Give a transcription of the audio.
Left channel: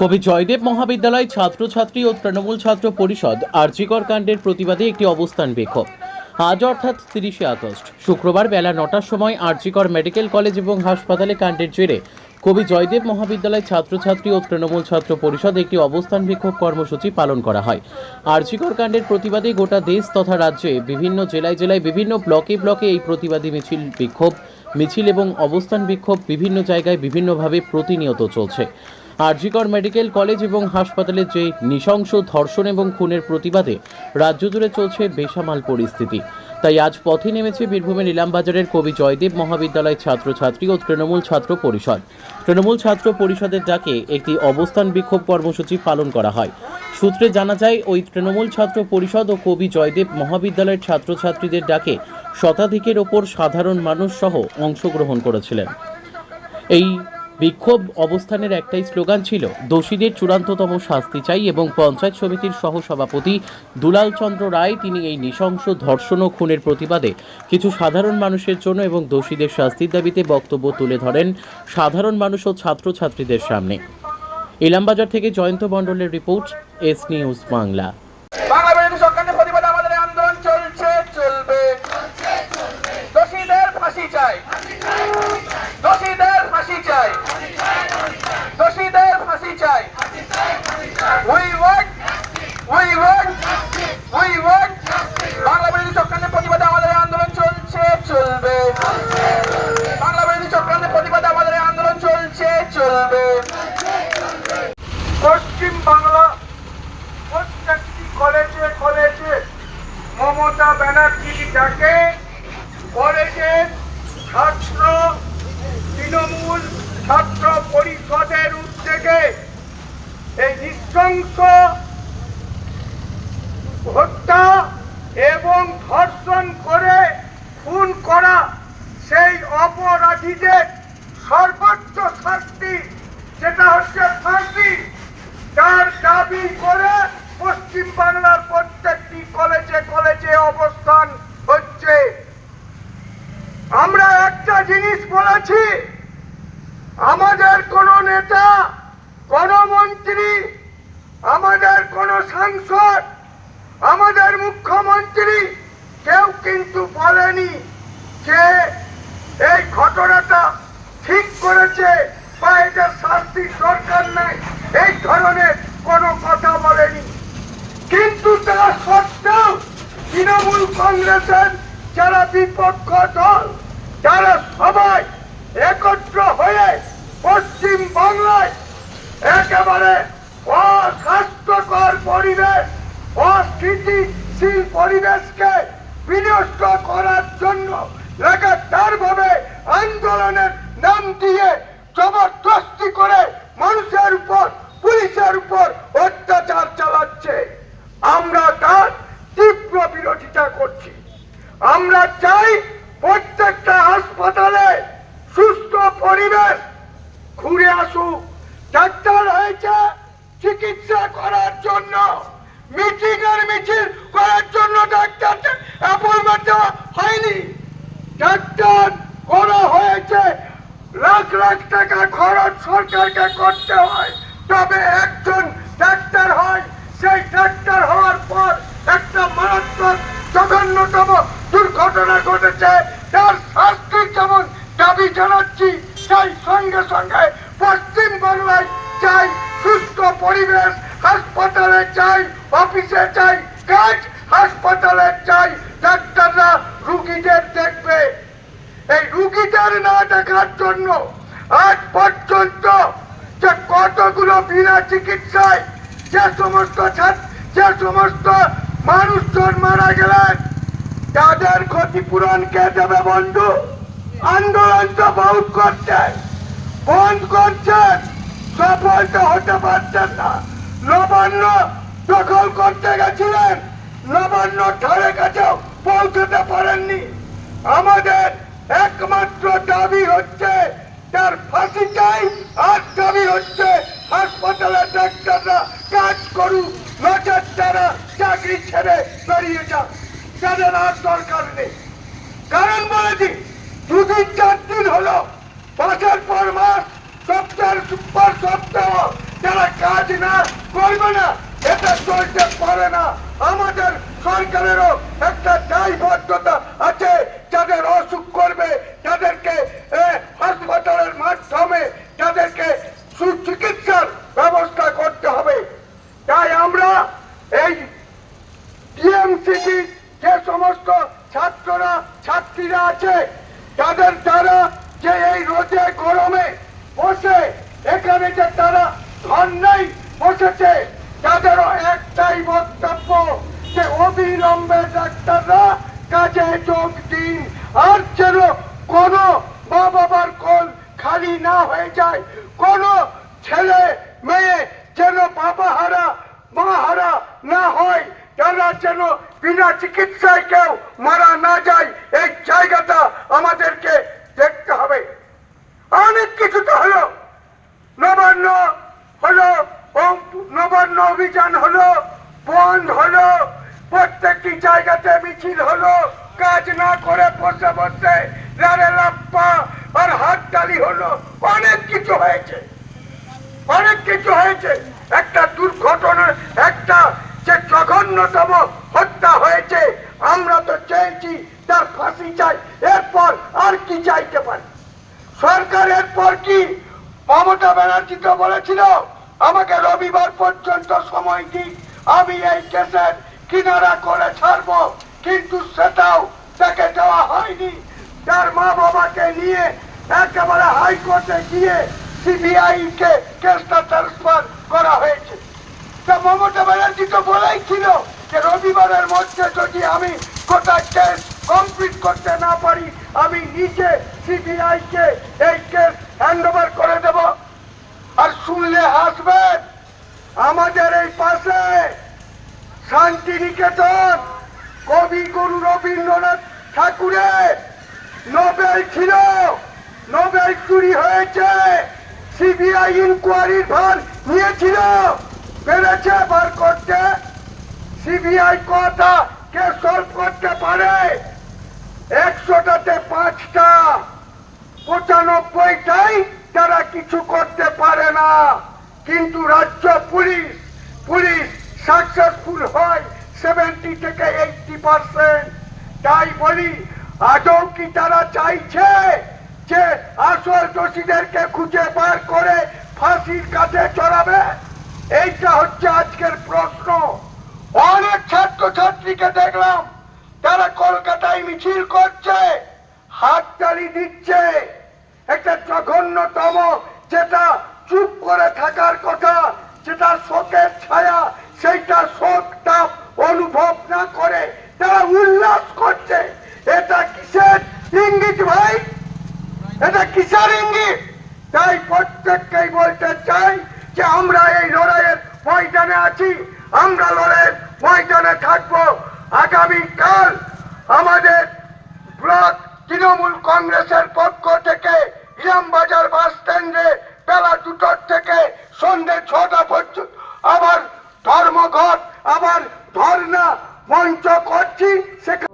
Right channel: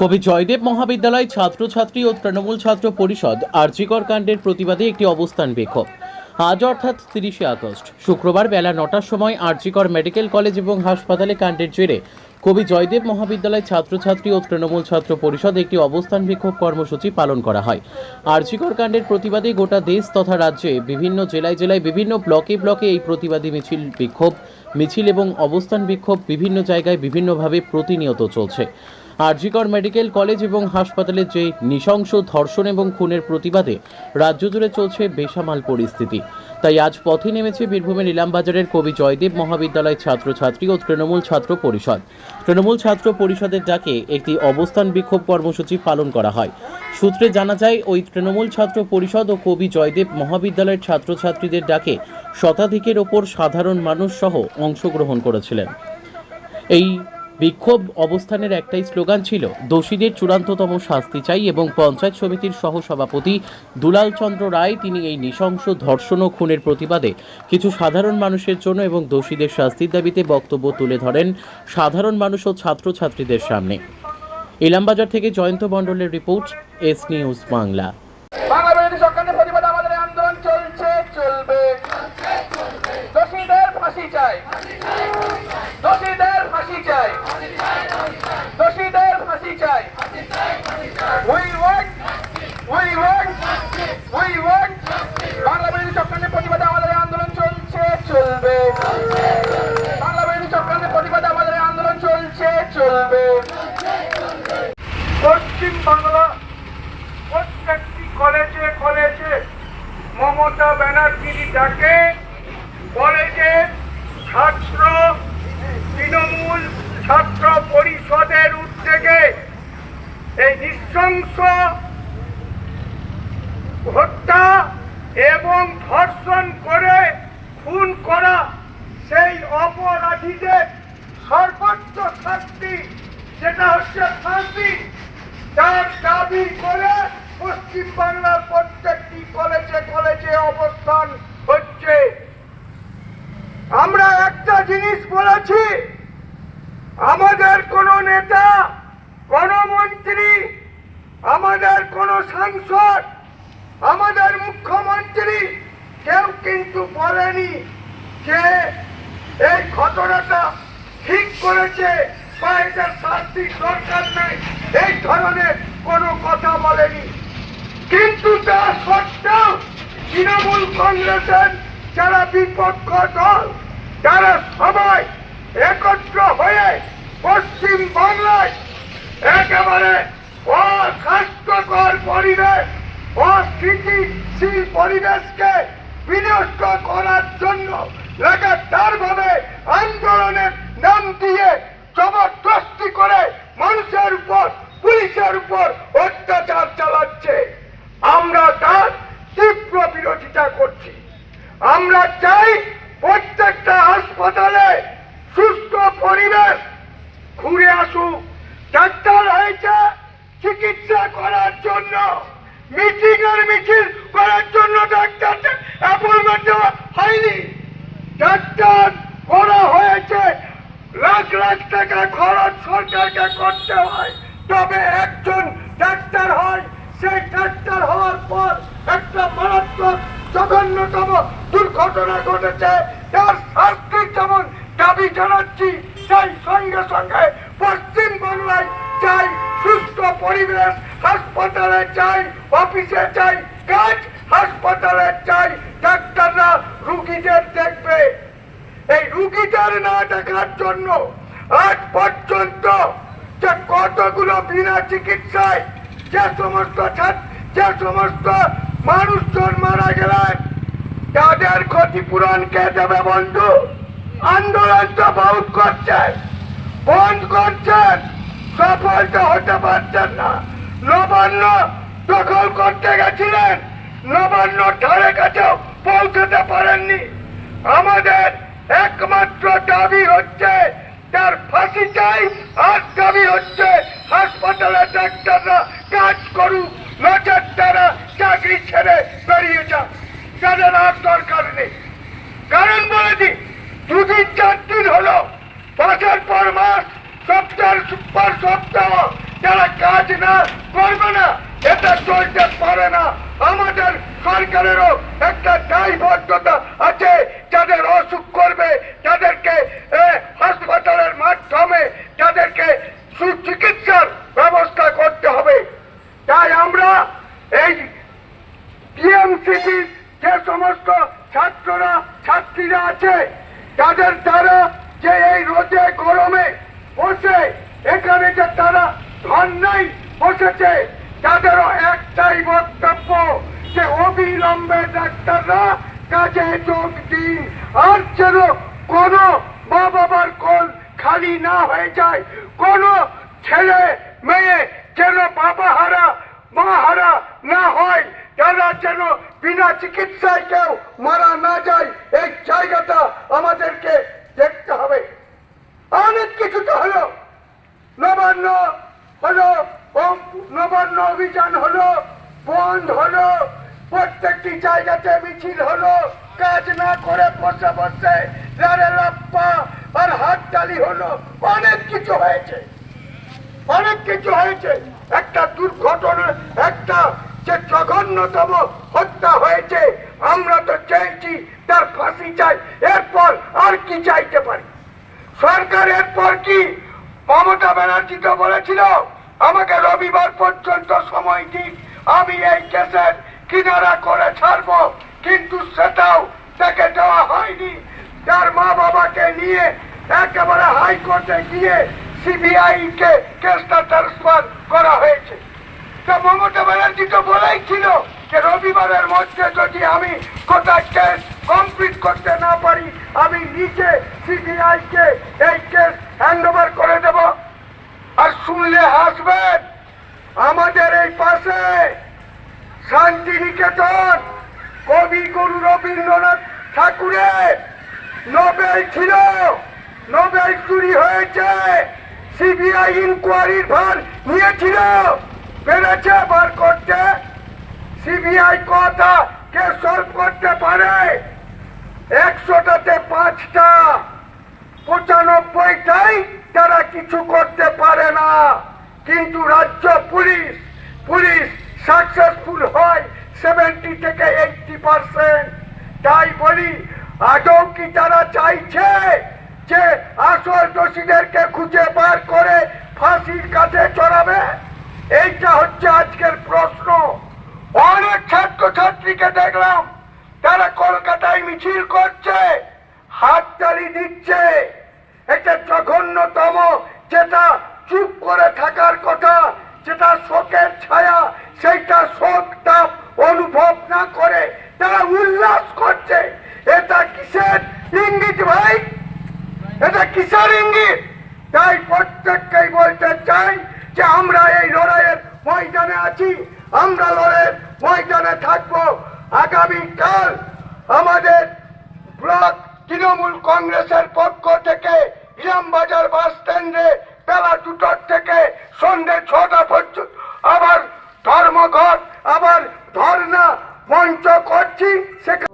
কবি জয়দেব মহাবিদ্যালয় ছাত্রছাত্রী ও তৃণমূল ছাত্র পরিষদ আরজিকর কাণ্ডের প্রতিবাদে একটি অবস্থান বিক্ষোভ। আজ অর্থাৎ তিরিশে আগস্ট। শুক্রবার বেলা নটার সময় আরজিকর মেডিকেল কলেজ এবং হাসপাতালে কাণ্ডের জেরে কবি জয়দেব মহাবিদ্যালয় ছাত্রছাত্রী ও তৃণমূল ছাত্র পরিষদ একটি অবস্থান বিক্ষোভ কর্মসূচি পালন করা হয়। আরজিকর কাণ্ডের প্রতিবাদে গোটা দেশ তথা রাজ্যে বিভিন্ন জেলায় জেলায় বিভিন্ন ব্লকে ব্লকে এই প্রতিবাদী মিছিল বিক্ষোভ মিছিল এবং অবস্থান বিক্ষোভ বিভিন্ন জায়গায় বিভিন্নভাবে প্রতিনিয়ত চলছে। আরজিকর মেডিকেল কলেজ এবং হাসপাতালে যে নৃশংস ধর্ষণ এবং খুনের প্রতিবাদে রাজ্য জুড়ে চলছে বেসামাল পরিস্থিতি। তাই আজ পথে নেমেছে বীরভূমের ইলামবাজারের কবি জয়দেব মহাবিদ্যালয় ছাত্রছাত্রী ও তৃণমূল ছাত্র পরিষদ। তৃণমূল ছাত্র পরিষদের ডাকে একটি অবস্থান বিক্ষোভ কর্মসূচি পালন করা হয়। সূত্রে জানা যায়, ওই তৃণমূল ছাত্র পরিষদ ও কবি জয়দেব মহাবিদ্যালয়ের ছাত্রছাত্রীদের ডাকে শতাধিকের ওপর সাধারণ মানুষ সহ অংশগ্রহণ করেছিলেন। এই বিক্ষোভ অবস্থানের একটাই স্লোগান ছিল, দোষীদের চূড়ান্ততম শাস্তি চাই এবং পঞ্চায়েত সমিতির সহসভাপতি দুলাল চন্দ্র রায় তিনি এই নৃশংস ধর্ষণ ও খুনের প্রতিবাদে কিছু সাধারণ মানুষের জন্য এবং দোষীদের শাস্তির দাবিতে বক্তব্য তুলে ধরেন সাধারণ মানুষ ও ছাত্রছাত্রীদের সামনে। ইলামবাজার থেকে জয়ন্ত মণ্ডলের report, S news Bangla Bangla বিরোধী সরকারের প্রতিবাদে আমাদের এই আন্দোলন চলছে চলবে দোষীদের ফাঁসি চাই দোষীদের ফাঁসি চাই দোষীদের ফাঁসি চাই we want we want we want Bangla বিরোধী সরকারের প্রতিবাদে আমাদের এই আন্দোলন চলছে চলবে বাংলা বিরোধী সরকারের প্রতিবাদে আমাদের এই আন্দোলন চলছে চলবে পশ্চিম বাংলা প্রত্যেকটি কলেজে কলেজে মমতা ব্যানার্জির কলেজের ছাত্র তৃণমূল ছাত্র পরিষদের উদ্যোগে এই নৃশংস হত্যা এবং ধর্ষণ করে খুন করা সেই অপরাধীদের সর্বোচ্চ শাস্তি, যেটা হচ্ছে ফাঁসি, তার দাবি করে পশ্চিম বাংলার প্রত্যেকটি কলেজে কলেজে অবস্থান হচ্ছে, আমরা একটা জিনিস বলেছি, আমাদের কোন নেতা, কোন মন্ত্রী, আমাদের কোন সাংসদ, আমাদের মুখ্যমন্ত্রী কেউ কিন্তু বলেনি যে এই ঘটনাটা ঠিক করেছে বা এটা শাস্তির দরকার নেই। এই ধরনের কোনো কথা বলেনি। কিন্তু তা সত্ত্বেও তৃণমূল কংগ্রেসের যারা বিপক্ষ দল তারা সবাই একত্র হয়ে পশ্চিম বাংলায় একেবারে অস্বাস্থ্যকর পরিবেশ, অস্থিতিশীল পরিবেশকে বিনষ্ট করার জন্য লাগাতার ভাবে আন্দোলনের নাম দিয়ে জবরদস্তি করে মানুষের উপর পুলিশের উপর অত্যাচার চালাচ্ছে আমরা তার তীব্র বিরোধিতা করছি আমরা চাই প্রত্যেকটা হাসপাতালে সুস্থ পরিবেশ ঘুরে আসুক ডাক্তার হয়েছে চিকিৎসা করার জন্য এর মিছিল করার জন্য অ্যাপয়েন্টমেন্ট দেওয়া হয়নি। ডাক্তার, করা হয়েছে। লাখ লাখ টাকা খরচ সরকারকে করতে হয়। তবে একজন ডাক্তার হয়, সেই ডাক্তার হওয়ার পর একটা মারাত্মক জঘন্যতম দুর্ঘটনা ঘটেছে। তার শাস্তির যেমন দাবি জানাচ্ছি, সেই সঙ্গে সঙ্গে পশ্চিম বাংলায় চাই সুস্থ পরিবেশ হাসপাতালে চাই অফিসে চাই কাজ হাসপাতালে চাই ডাক্তাররা রুগীদের দেখবে। এই রুগীদের না দেখার জন্য আজ পর্যন্ত যে কতগুলো বিনা চিকিৎসায় যে সমস্ত যে সমস্ত মানুষজন মারা গেলেন, তাদের ক্ষতিপূরণ কে দেবে বন্ধু? আন্দোলন তো বহুত করছেন বন্ধ করছেন সফল তো হতে পারছেন না। নবান্ন দখল করতে গেছিলেন। নবান্ন ধারে কাছেও পৌঁছতে পারেননি। আমাদের একমাত্র দাবি হচ্ছে, তার ফাঁসি চাই আর দাবি হচ্ছে, হাসপাতালে ডাক্তাররা কাজ করুক নচেত তারা চাকরি ছেড়ে বেরিয়ে যাক। তাদের আর দরকার নেই। কারণ বলেছি দুদিন চার দিন হলো মাসের পর মাস, সপ্তাহ হাজার সুপার সত্ত্বেও যারা কাজ না করবে না, এটা চলতে পারে না। আমাদের সরকারেরও একটা দায়বদ্ধতা আছে, যাদের অসুখ করবে, যাদেরকে হাসপাতালের মাধ্যমে যাদেরকে সুচিকিৎসার ব্যবস্থা করতে হবে। তাই আমরা এই টিএমসিটির যে সমস্ত ছাত্ররা, ছাত্রীরা আছে, তাদের দ্বারা যে এই রোদে গরমে বসে, এখানে যে তারা ধর্নাই বসেছে। তাদেরও একটাই বক্তব্য যে অবিলম্বে ডাক্তাররা কাজে যোগ দিন। আর যেন কোনো মা বাবার কোল খালি না হয়ে যায়, কোনো ছেলে, মেয়ে যেন বাবা হারা মা হারা না হয়, তারা যেন বিনা চিকিৎসায় কেউ মারা না যায়, এই জায়গাটা আমাদেরকে দেখতে হবে। অনেক কিছু তো হলো। নবান্ন হলো ও- নবান্ন অভিযান হলো, বন্ধ হলো, প্রত্যেকটি জায়গাতে মিছিল হলো, কাজ না করে বসে বসে লারে লাপ্পা আর হাততালি হলো। অনেক কিছু হয়েছে, অনেক কিছু হয়েছে। একটা দুর্ঘটনা, একটা যে জঘন্যতম হত্যা হয়েছে, আমরা তো চাইছি তার ফাঁসি চাই, এরপর আর কি চাইতে পারি? সরকার এরপর কি মমতা ব্যানার্জি তো বলেছিল, আমাকে রবিবার পর্যন্ত সময় দিন, আমি এই কেসের কিনারা করে ছাড়বো, কিন্তু সেটাও তাকে দেওয়া হয়নি। তার মা বাবাকে নিয়ে একেবারে হাইকোর্টে গিয়ে সিবিআই কে কেসটা ট্রান্সফার করা হয়েছে। তা মমতা ব্যানার্জি তো বলেই ছিল যে রবিবারের মধ্যে যদি আমি কোথায় কেস কমপ্লিট করতে না পারি, আমি নিজে সিবিআই কে এই কেস হ্যান্ড ওভার করে দেব। আর শুনলে হাসবেন আমাদের এই পাশে শান্তিনিকেতন, কবি গুরু রবীন্দ্রনাথ ঠাকুরের নোবেল ছিল। নোবেল চুরি হয়েছে। সিবিআই ইনকোয়ারির ভার নিয়েছিল। পেরেছে বার করতে। সিবিআই কথা কে সলভ করতে পারে? একশোটাতে পাঁচটা। পঁচানব্বইটাই তারা কিছু করতে পারে না। কিন্তু রাজ্য পুলিশ পুলিশ সাকসেসফুল হয় সেভেন্টি থেকে এইটটি পার্সেন্ট তাই বলি, আদৌ কি তারা চাইছে যে আসল দোষীদেরকে খুঁজে বার করে ফাঁসির কাছে চড়াবে? এইটা হচ্ছে আজকের প্রশ্ন। অনেক ছাত্র ছাত্রীকে দেখলাম, তারা কলকাতায় মিছিল করছে, হাততালি দিচ্ছে। এটা জঘন্যতম, যেটা চুপ করে থাকার কথা, যেটা শোকের ছায়া, সেইটা শোকটা অনুভব না করে তারা উল্লাস করছে। এটা কিসের ইঙ্গিত ভাই? এটা কিসের ইঙ্গিত? তাই প্রত্যেককেই বলতে চাই যে আমরা এই লড়াইয়ের ময়দানে আছি, আমরা লড়াইয়ের ময়দানে থাকব। আগামীকাল আমাদের ব্লক তৃণমূল কংগ্রেসের পক্ষ থেকে ইলামবাজার বাস স্ট্যান্ডে বেলা দুটোর থেকে সন্ধ্যে ছটা পর্যন্ত আবার ধর্মঘট, আবার ধর্না মঞ্চ করছি, সেখানে